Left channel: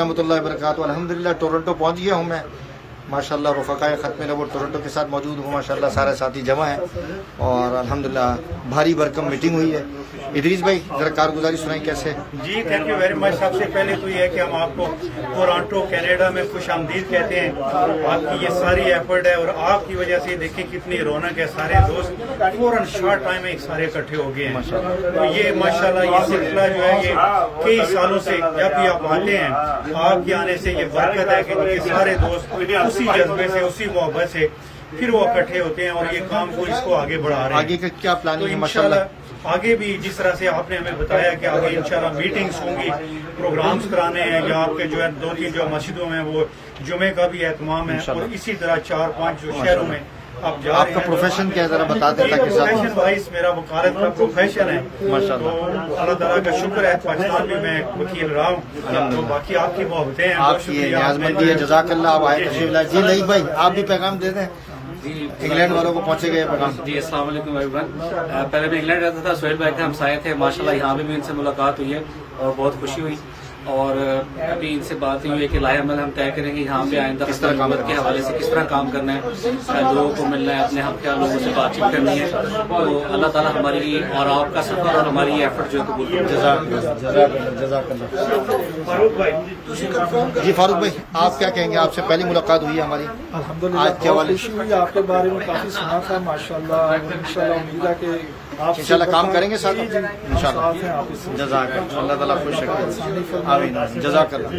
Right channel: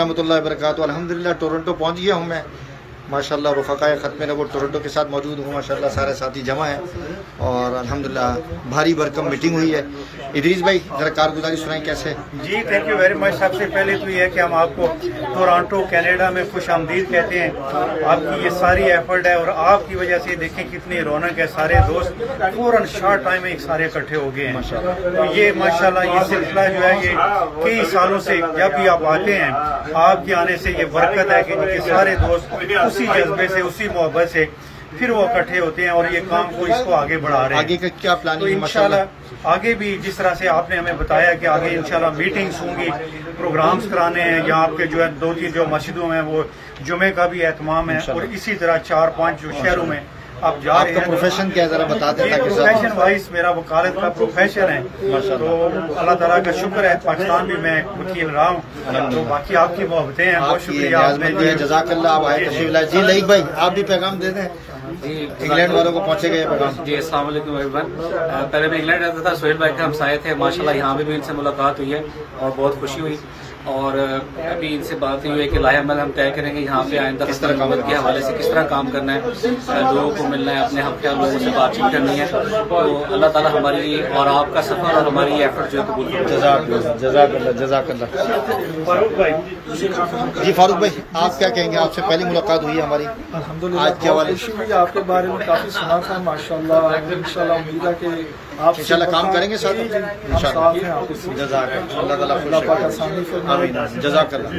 वरहमतुल्लाहि वबरकातुहू। अल्हम्दुलिल्लाह टोरंटो पहुंच गया हूं मैं माशाल्लाह। रुफ़क़ाए ख़त्म नबूवत टोरंटो के साथ मौजूद हूँ माशाल्लाह। सारे साथी जमा हैं और अल्हम्दुलिल्लाह भारी भरकम मीटिंग हुई है। इदरीस भाई जरा कारगुजारी सुनाएं कैसे। जी थैंक यू वेरी मच। सबसे पहले तो ये है कि हम आपको टोरंटो कनाडा में खुशामदीद कहते हैं। आपकी ये सारी एफर्ट है और आपकी वजह से देखें कितनी रौनक है। सारे दोस्त फौरन शॉर्ट टाइम में एक सारे इकट्ठे हो गए हैं माशाल्लाह। तो ये माशाल्लाह ये सिलसिला जो है ये कई सालों से जब भी आप आते हैं आपके आने से ये बरकत है कि सारे दोस्त उसी जज्बे से उसी मोहब्बत से फिर वो इकट्ठे होते हैं और ये काम को इसको आगे बढ़ा रहे हैं। आगे का क्या प्लानिंग है इंशाल्लाह आगे भी जिस तरह से आपने हमें बताया कि आगे इंशाल्लाह मीटिंग्स होंगी, प्रोग्राम्स कराने हैं या आपके जो है 2-3 जो मस्जिदों में वो जुमे का भी एहतमाम है और इसी तरह 4-5 जो शहरों में आप जा रहे हैं। आपका प्रोफेशन क्या है जरा बता दें ताकि प्रोफेशन वाइज मेरा वकालत का प्रोफेशन है माशाल्लाह। तो अल्लाह ताला का शुक्र है पाकिस्तान में मैं वकील रहा हूँ। तो बाकी आपकी मोहब्बतें हैं, बहुत शुक्रिया आपने। जज़ाकल्लाह। आप आए तशरीफ लाए। जी लईक भाई आप भी पैगाम दे दें जी इंग्लैंड वालों को पहुंचेगा ये पैगाम। जी अस्सलाम वालेकुम एवरीवन। पहले मैं इंग्लैंड रहता था, सोहेल भाई के हमसाये थे माशाल्लाह। यहाँ भी इनसे मुलाकात हुई है और बहुत खुशी हुई और अभी इनसे बात हुई है कि लाहे अमल हम तय करेंगे यहाँ पे आइंदा किस तरह काम के हवाले से किस तरह काम करना है, लोगों को मिलना है, अपने हम ख्याल लोगों से बातचीत करनी है। तो अल्लाह ताला हमारी और आपका सफर और हमारी ये एफर्ट जो है कबूल करें। जज़ाकल्लाह। जी फारूक भाई आप क्या कहेंगे। आपसे पहली मुलाकात हुई है हमारी अल्हम्दुलिल्लाह। आज के हवाले खुशी हुई आपके बारे में काफी सुना था माशाल्लाह और इंशाल्लाह उम्मीद है कि आप इंशाल्लाह काम करेंगे साथ में इंशाल्लाह। जज़ाकल्लाह। अल्लाह ताला खुश रखे। आमीन। जज़ाकल्लाह।